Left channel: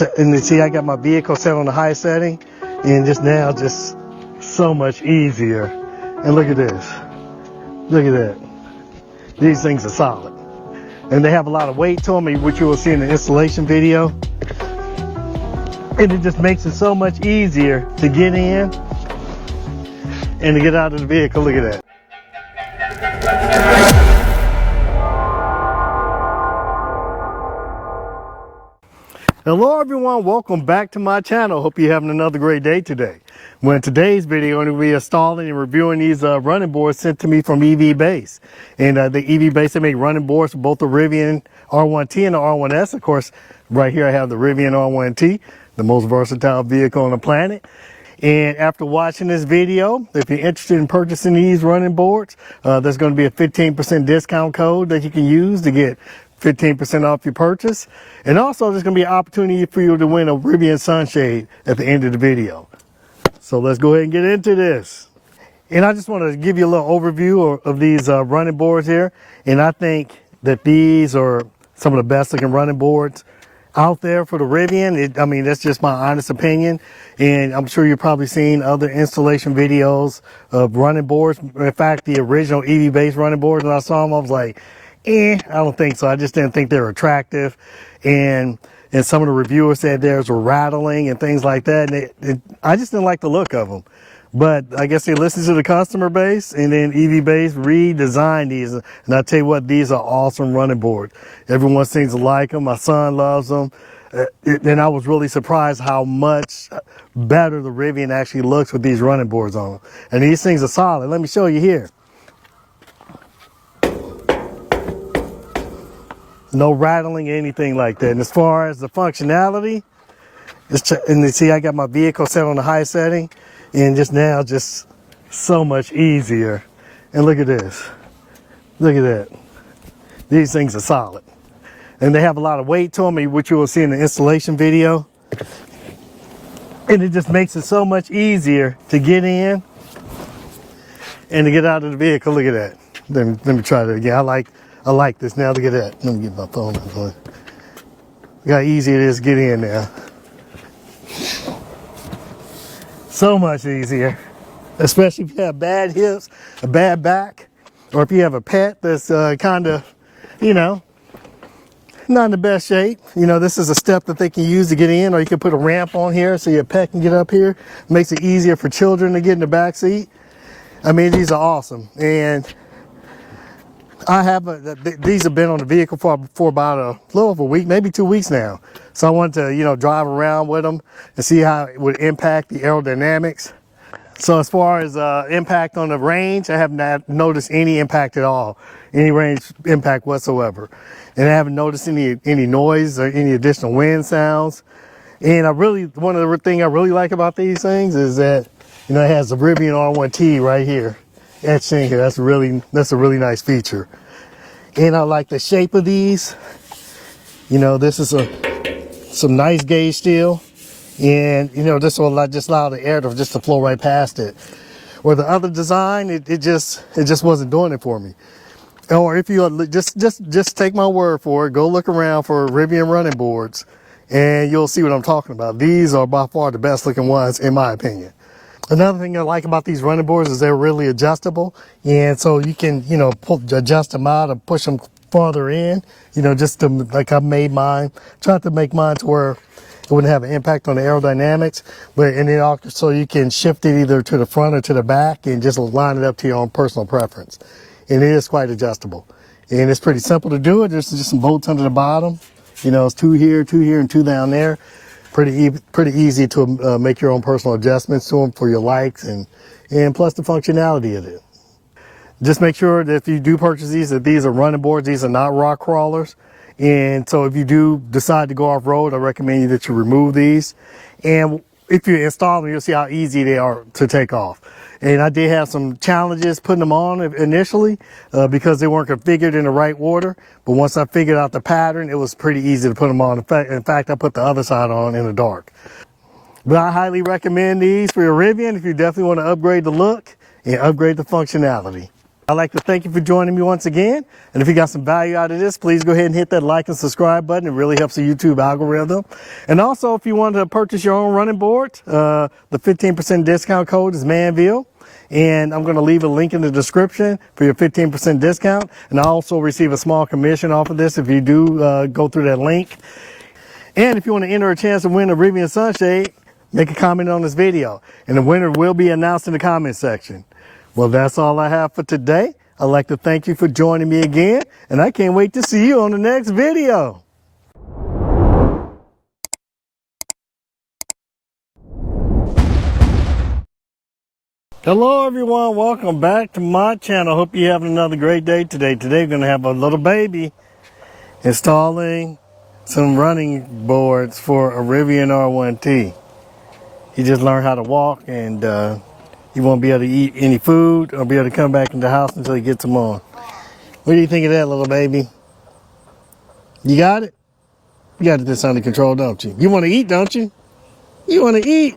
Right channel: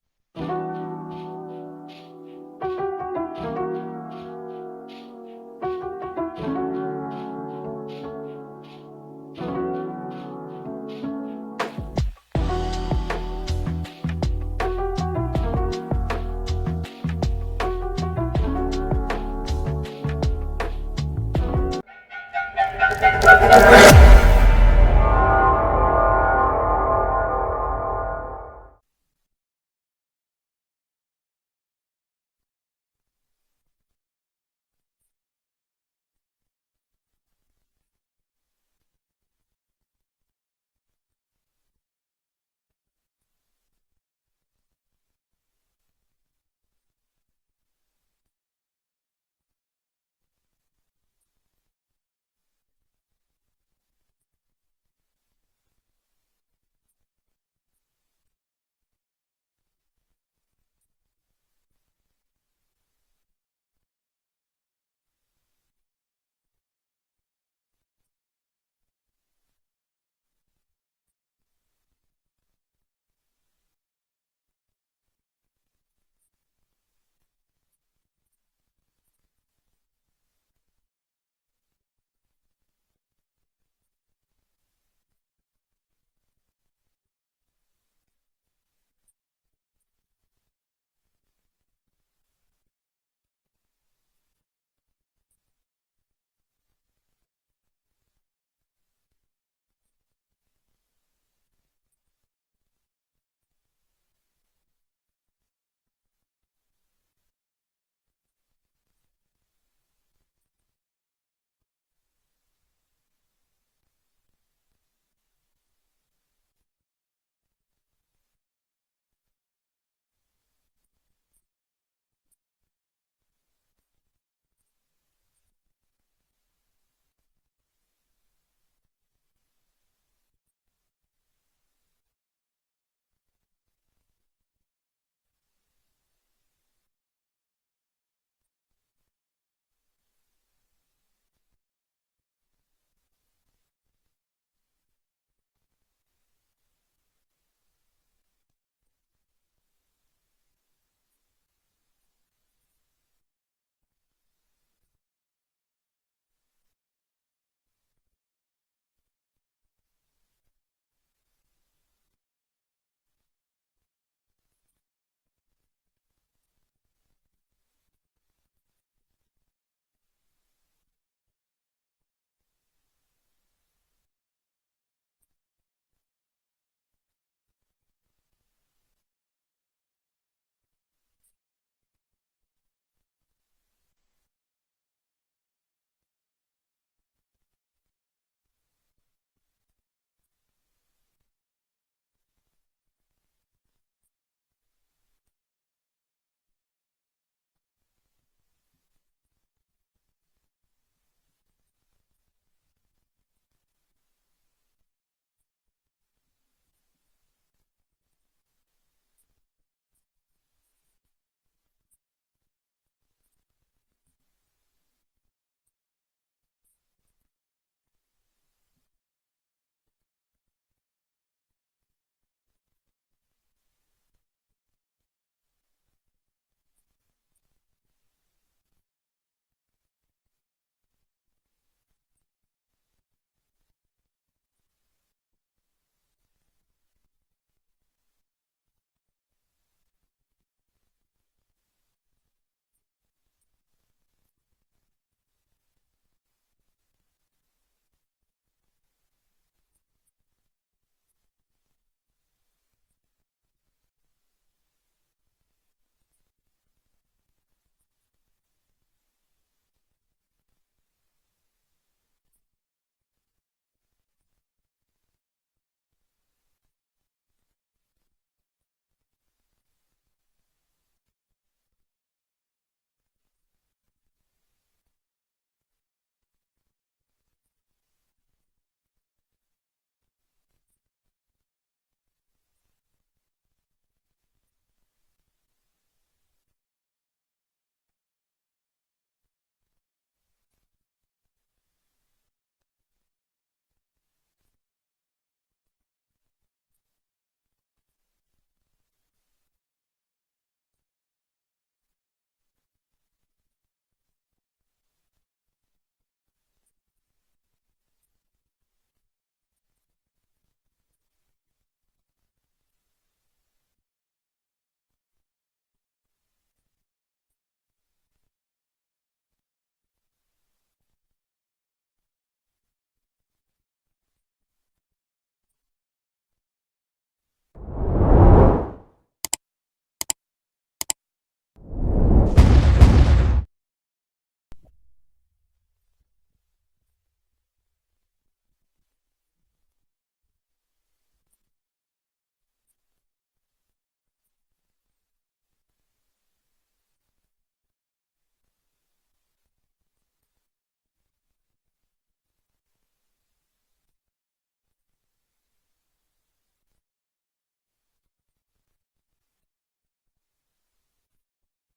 And you see I got my vehicle set on the high setting, and just now just so much easier. And look at this. Look at that. These things are solid. And they have a lot of weight to them, which you will see in the installation video. And it just makes it so much easier to get in and to get out of the vehicle. Look at that. Hello everyone, welcome back to my channel. Hope you're having another great day today. Well, in today's video, I'm going to be installing and reviewing these running boards sent to me from EV Base. And the EV Base, they make running boards for both the Rivian R1T and the R1S. Of course, right here I have the Rivian R1T, the most versatile vehicle on the planet. And after watching this video, if you're interested in purchasing these running boards, there's going to be a 15% discount code that you can use to get 15% off your purchase. And also there's going to be an opportunity for you to win a Rivian sunshade at the end of the video. So let's go ahead and get into this. And I just want to give you a little overview of these running boards here. And I think that these are some of the best looking running boards out there for the Rivian. I mean, that's just my honest opinion. And I'm sure you've probably seen other installation videos of running boards. In fact, the original EV Base running boards, when I saw them, I was like, I don't think so. I just didn't think they were attractive. And some of the reviewers said theirs were rattling and things like that. And I just didn't like the look of them. But I guess they listened to the customer base, and then EV Base redesigned these. And I tell you what, these are awesome running boards. Everyone seems to like them. My son loves them. And I was really surprised how much better the Rivian actually looks with these running boards on them. And these things are solid. Let me show you here. No rattling, anything like that. And as far as the functionality, and you see I got my vehicle set on the high setting, and just now just so much easier. And look at this. Look at that. These things are solid. And they have a lot of weight to them, which you will see in the installation video. And it just makes it so much easier to get in and to get out of the vehicle. Look at that. Let me try that again. I like this now. Look at that. Let me get my phone out. Look how easy it is to get in now. So much easier, especially if you have bad hips, a bad back, or if you have a pet that's kind of, not in the best shape. This is a step that they can use to get in, or you can put a ramp on here so your pet can get up here. Makes it easier for children to get in the back seat. I mean, these are awesome. And these have been on the vehicle for about a little over a week, maybe 2 weeks now. So I wanted to, drive around with them and see how it would impact the aerodynamics. So as far as impact on the range, I have not noticed any impact at all, any range impact whatsoever. And I haven't noticed any noise or any additional wind sounds. And one of the things I really like about these things is that, it has the Rivian R1T right here. Etched in here. That's a really nice feature. And I like the shape of these. This is some nice gauge steel, and this will just allow the air to flow right past it. Or the other design, it just wasn't doing it for me. Or if you just take my word for it, go look around for Rivian running boards, and you'll see what I'm talking about. These are by far the best looking ones, in my opinion. Another thing I like about these running boards is they're really adjustable, and so you can, adjust them out and push them farther in, just to, like I made mine. Tried to make mine to where it wouldn't have an impact on the aerodynamics, and then also you can shift it either to the front or to the back and just line it up to your own personal preference. And it is quite adjustable, and it's pretty simple to do it. There's just some bolts under the bottom. It's two here, and two down there. Pretty easy to make your own personal adjustments to them for your likes, and plus the functionality of it. Just make sure that if you do purchase these, that these are running boards. These are not rock crawlers. And so if you do decide to go off-road, I recommend that you remove these. And if you install them, you'll see how easy they are to take off. And I did have some challenges putting them on initially because they weren't configured in the right order. But once I figured out the pattern, it was pretty easy to put them on. In fact, I put the other side on in the dark. But I highly recommend these for your Rivian if you definitely want to upgrade the look and upgrade the functionality. I'd like to thank you for joining me once again. And if you got some value out of this, please go ahead and hit that like and subscribe button. It really helps the YouTube algorithm. And also, if you want to purchase your own running board, the 15% discount code is Manville. And I'm going to leave a link in the description for your 15% discount. And I also receive a small commission off of this if you do go through that link. And if you want to enter a chance to win a RIVIAN sunshade, make a comment on this video. And the winner will be announced in the comment section. Well, that's all I have for today. I'd like to thank you for joining me again, and I can't wait to see you on the next video. Hello everyone, welcome back to my channel. Hope you're having another great day today. Today we're going to have a little baby installing some running boards for a RIVIAN R1T. He just learned how to walk, and he won't be able to eat any food or be able to come back in the house until he gets them on. What do you think of that, little baby? You got it? You got this under control, don't you? You want to eat, don't you? You want to eat?